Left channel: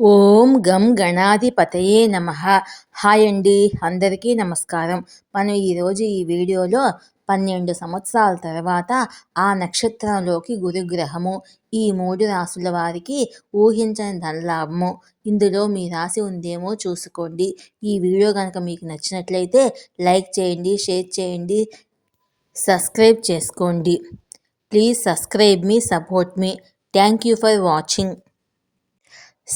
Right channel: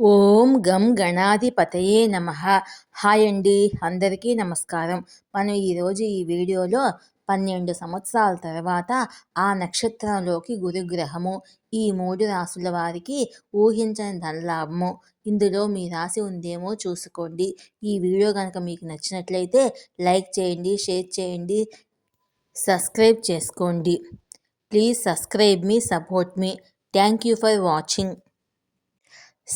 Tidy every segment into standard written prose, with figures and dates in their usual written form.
ఓం గం గణాధిపతయే నమః. హాయ్ అండి, అందరికీ నమస్కారం. మనం ఈరోజు ఈ వీడియోలో 12 సంవత్సరాల తర్వాత ఆ నక్షత్రంలోకి గురుగ్రహము ఈ 3 రాసుల వారికి ఊహించని ధనలాభము. ఇందులో మీ రాశి ఉందేమో చూసుకోండి. ఈ వీడియో కనుక మీకు నచ్చినట్లయితే లైక్ చేయండి, షేర్ చేయండి, సబ్స్క్రైబ్ చేసుకోండి. Please subscribe me, support me. Thank you for watching.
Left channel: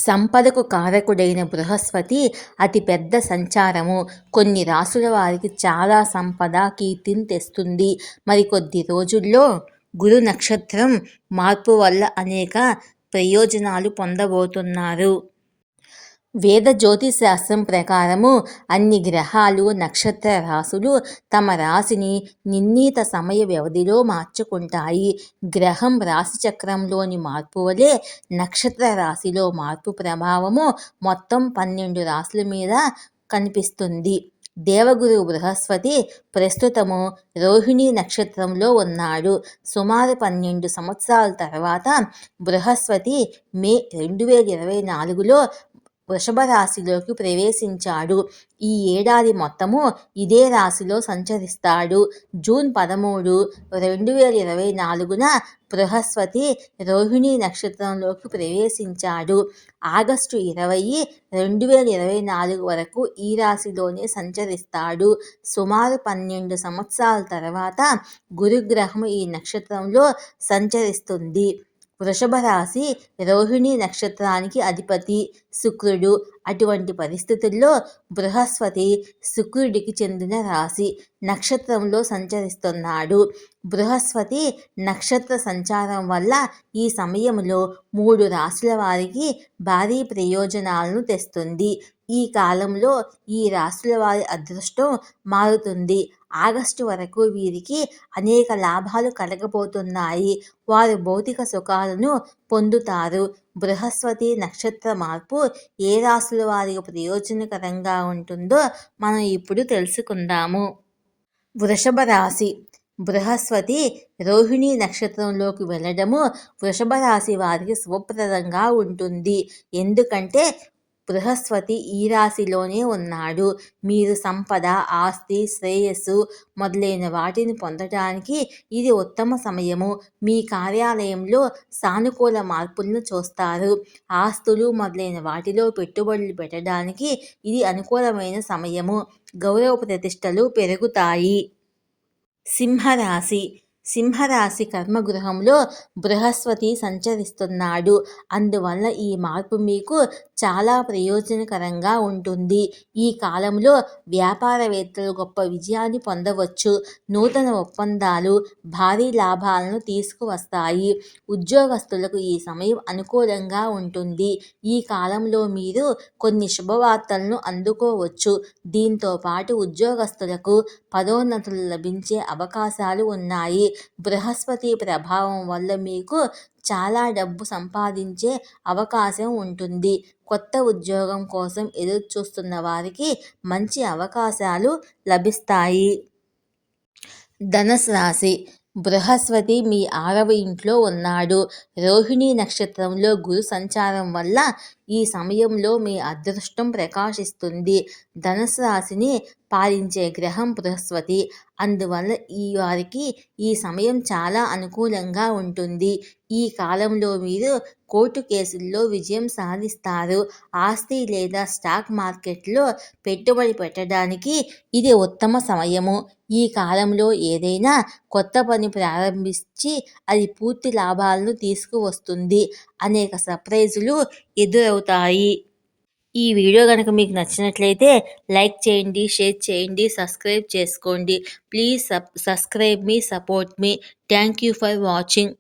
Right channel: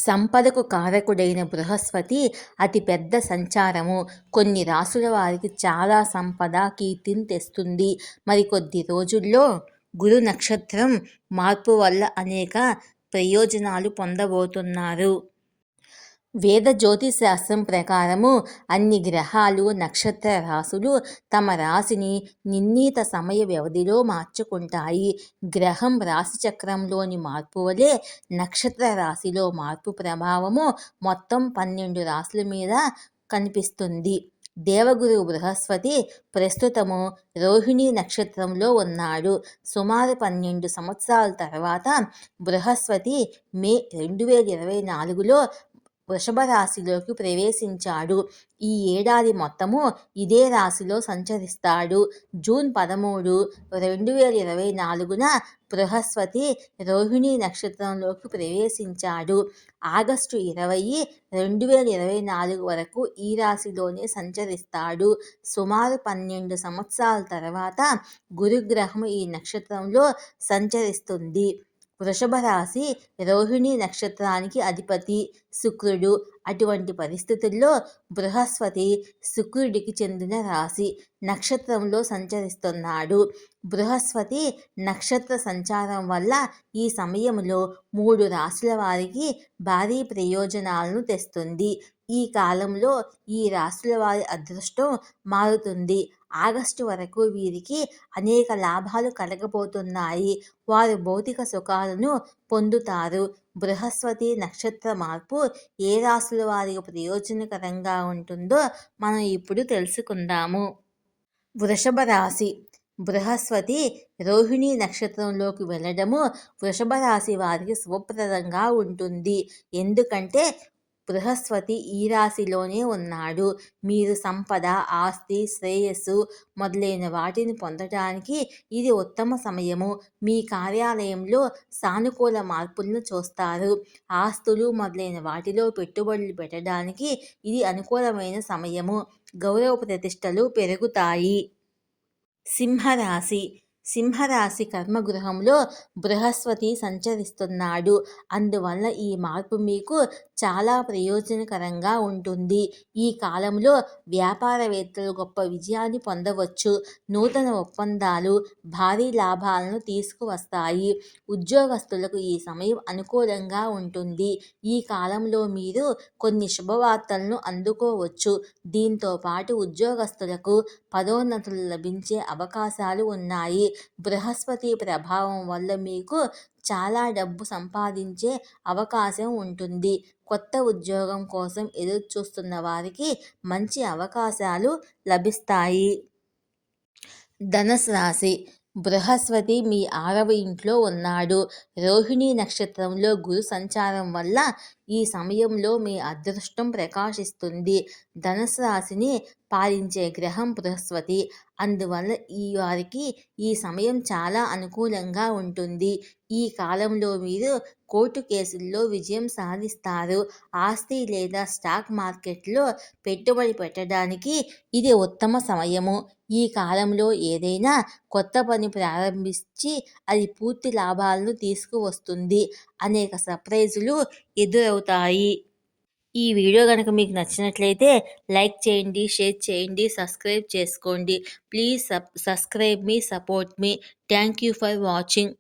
సంపదకు కారకుడైన బృహస్పతి అతిపెద్ద సంచారము కొన్ని రాసుల వారికి చాలా సంపద, కీర్తిని తెస్తుంది. మరికొద్ది రోజుల్లో గురు నక్షత్రం మార్పు వల్ల అనేక ప్రయోజనాలు పొందబోతున్నారు. వేద జ్యోతిశాస్త్రం ప్రకారము అన్ని గ్రహాలు, నక్షత్ర రాశులు తమ రాశిని నిర్ణీత సమయ వ్యవధిలో మార్చుకుంటాయి. గ్రహం రాశి చక్రంలోని మార్పు వలె నక్షత్ర రాశిలో మార్పు ప్రభావము మొత్తం 12 రాశుల మీద కనిపిస్తుంది. దేవగురు బృహస్పతి ప్రస్తుతము రోహిణి నక్షత్రంలో ఉన్నాడు. సుమారు 12 సంవత్సరాల తర్వాత బృహస్పతి మే 2024లో వృషభ రాశిలోకి ప్రవేశించాడు. ఈ ఏడాది మొత్తము ఇదే రాశిలో సంచరిస్తాడు. జూన్ 13, 2024న బృహస్పతి రోహిణి నక్షత్రంలోకి ప్రవేశించాడు. ఆగస్టు 20, 2024 వరకు ఈ రాశిలోనే సంచరిస్తాడు. సుమారు 12 సంవత్సరాల తర్వాత గురుగ్రహం ఈ నక్షత్రంలో సంచరిస్తుంది. వృషభ రాశి రోహిణి నక్షత్రానికి అధిపతి శుక్రుడు. అటువంటి పరిస్థితుల్లో బృహస్పతి శుక్రుడికి చెందిన రాశి నక్షత్రంలో సంచరిస్తున్నాడు. బృహస్పతి నక్షత్ర సంచారం వల్ల ఈ సమయంలో 3 రాశుల వారికి భారీ ప్రయోజనాలను తెస్తుంది. ఈ కాలంలో ఈ రాశుల వారి అదృష్టం మారుతుంది. ఆగస్టు వరకు వీరికి అనేక లాభాలు కలగబోతున్నాయి. వారు భౌతిక సుఖాలను పొందుతారు. బృహస్పతి నక్షత్ర మార్పు ఏ రాశుల వారికి ప్రయోజనకరంగా ఉంటుందో మనం ఇప్పుడు తెలుసుకుందాము. వృషభ రాశి. బృహస్పతి రోహిణి నక్షత్రంలోకి వెళ్ళడము వృషభ రాశి వారికి శుభప్రదంగా ఉంటుంది. ఎందుకంటే బృహస్పతి ఈ రాశిలోనే ఉన్నాడు. మీరు సంపద, ఆస్తి, శ్రేయస్సు మొదలైన వాటిని పొందడానికి ఇది ఉత్తమ సమయము. మీ కార్యాలయంలో సానుకూల మార్పులను చూస్తారు. ఆస్తులు మొదలైన వాటిలో పెట్టుబడులు పెట్టడానికి ఇది అనుకూలమైన సమయము. గౌరవ ప్రతిష్టలు పెరుగుతాయి. సింహరాశి. సింహరాశి కర్మగృహంలో బృహస్పతి సంచరిస్తున్నాడు. అందువల్ల ఈ మార్పు మీకు చాలా ప్రయోజనకరంగా ఉంటుంది. ఈ కాలంలో వ్యాపారవేత్తలు గొప్ప విజయాన్ని పొందవచ్చు. నూతన ఒప్పందాలు భారీ లాభాలను తీసుకువస్తాయి. ఉద్యోగస్తులకు ఈ సమయం అనుకూలంగా ఉంటుంది. ఈ కాలంలో మీరు కొన్ని శుభవార్తలను అందుకోవచ్చు. దీంతో పాటు ఉద్యోగస్తులకు పదోన్నతులు లభించే అవకాశాలు ఉన్నాయి. బృహస్పతి ప్రభావం వల్ల మీకు చాలా డబ్బు సంపాదించే అవకాశం ఉంటుంది. కొత్త ఉద్యోగం కోసం ఎదురు చూస్తున్న వారికి మంచి అవకాశాలు లభిస్తాయి. ధనుసు రాశి. బృహస్పతి మీ 6వ ఇంట్లో ఉన్నాడు. రోహిణి నక్షత్రంలో గురు సంచారం వల్ల ఈ సమయంలో మీ అదృష్టం ప్రకాశిస్తుంది. ధనుసు రాశిని పాలించే గ్రహం బృహస్పతి. అందువల్ల వారికి ఈ సమయం చాలా అనుకూలంగా ఉంటుంది. ఈ కాలంలో మీరు కోర్టు కేసుల్లో విజయం సాధిస్తారు. ఆస్తి లేదా స్టాక్ మార్కెట్లో పెట్టుబడి పెట్టడానికి ఇది ఉత్తమ సమయము. ఈ కాలంలో ఏదైనా కొత్త పని ప్రారంభించి అది పూర్తి లాభాలను తీసుకువస్తుంది. అనేక సర్ప్రైజులు ఎదురవుతాయి. ఈ వీడియో కనుక మీకు నచ్చినట్లయితే లైక్ చేయండి, షేర్ చేయండి, సబ్స్క్రైబ్ చేసుకోండి. Please subscribe me, support me. Thank you for watching.